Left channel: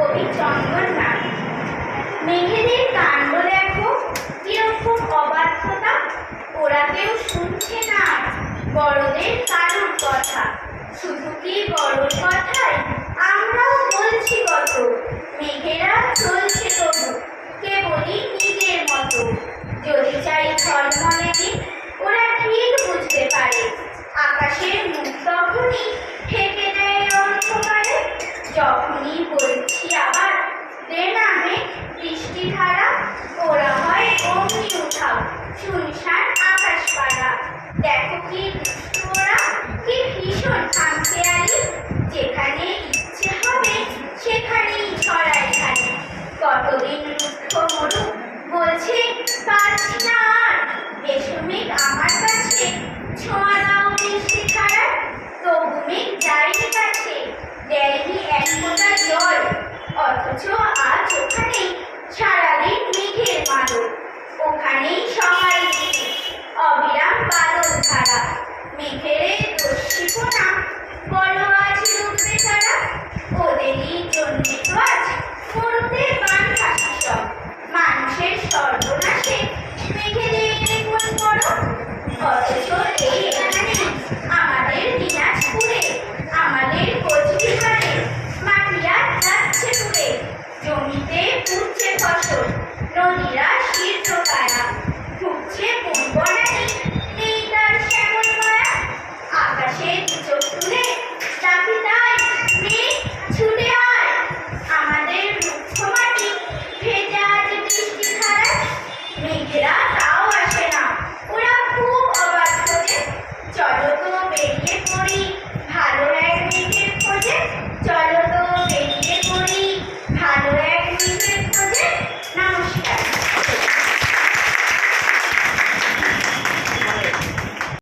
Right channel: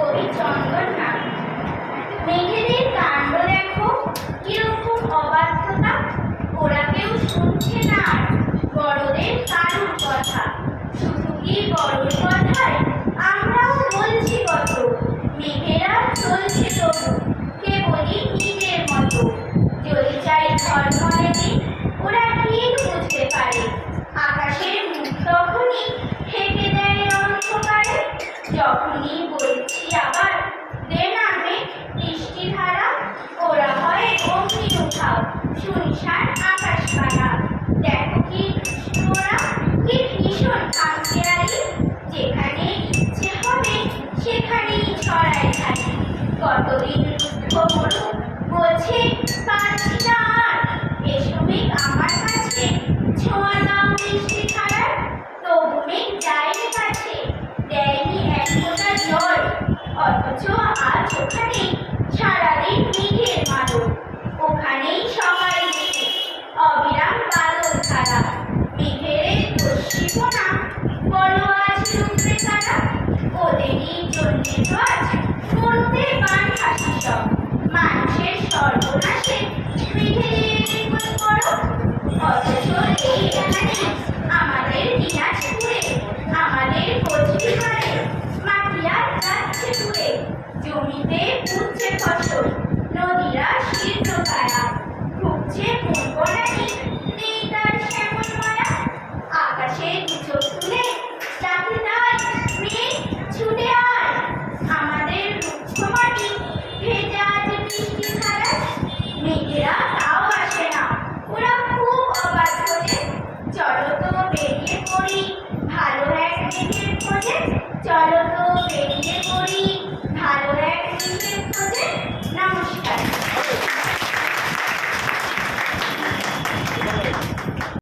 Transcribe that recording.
খুঁজে কবি চন্দন নাথ মেঘেদের কাণ্ড দেখো কীরকম অবাধ্যতা? ওরা কেউ শুনছে না। বড়দের কারুর কথা। শুধু কি বড়র কথায় আমরাও বলছি কত। মেঘেরা চলছে তবু, কেবলই নিজের মতো। যদি চাই ঝলমলে দিন ওরা ঠিক বুঝতে পারে। আকাশের মুখ তখনই ঢেকে দেয় অন্ধকারে। যখনই বলছি শুনশান আকাশ পাড়া। দেখো কি কত